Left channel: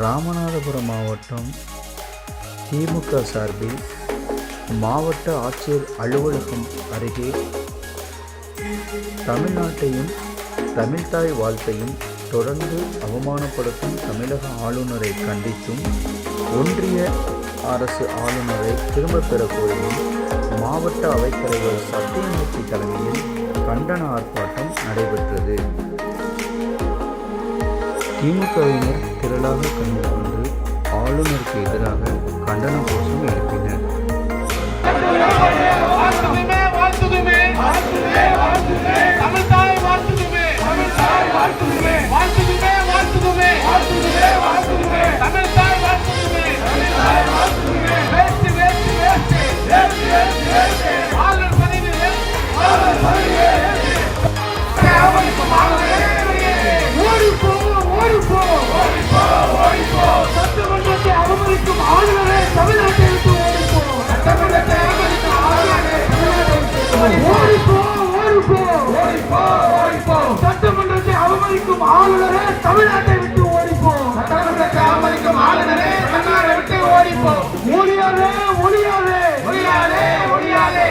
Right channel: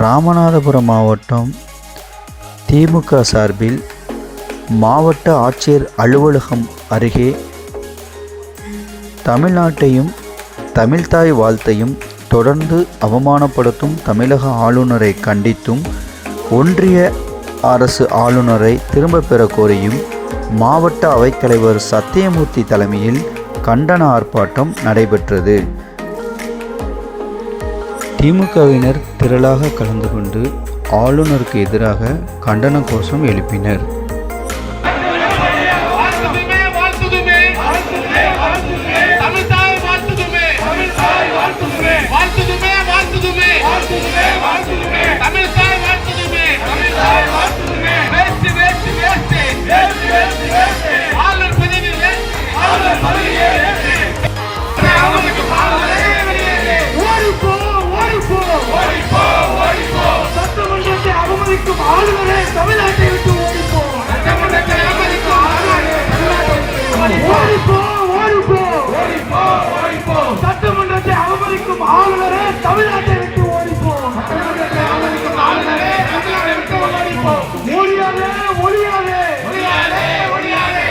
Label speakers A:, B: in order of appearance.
A: ராமநாதபுரம் மாவட்டம் திமுக சார்பில் மாவட்ட ஆட்சியர் அலுவலகம் அருகே தமிழ்நாட்டையும் தமிழ்தாய் வாழ்த்தையும் தொடர்ந்து அவமானப்படுத்தும் தமிழக ஆளுநரை கண்டித்தும் ஒன்றிய அரசு ஆளுநரை திரும்பப் பெற கோரியும் மாவட்ட அவைத்தலைவர் சத்தியமூர்த்தி தலைமையில் கண்டன ஆர்ப்பாட்டம் நடைபெற்றது. திமுகவினர் திரளாக கலந்து கொண்டு ஆளுநருக்கு எதிராக கண்டன கோஷம் எழுப்பினர்.
B: சட்டமன்றத்தை அவமதிக்கும் ஆளுநரே தமிழ்நாட்டை விட்டு ஓடிப்போம். சட்டமன்றத்தை அவமதிக்கும் ஆளுநரே தமிழ்நாட்டை விட்டு ஓடிப்போம். ஒளியாதே ஒளியாதே ஒளியாதே ஒளியாதே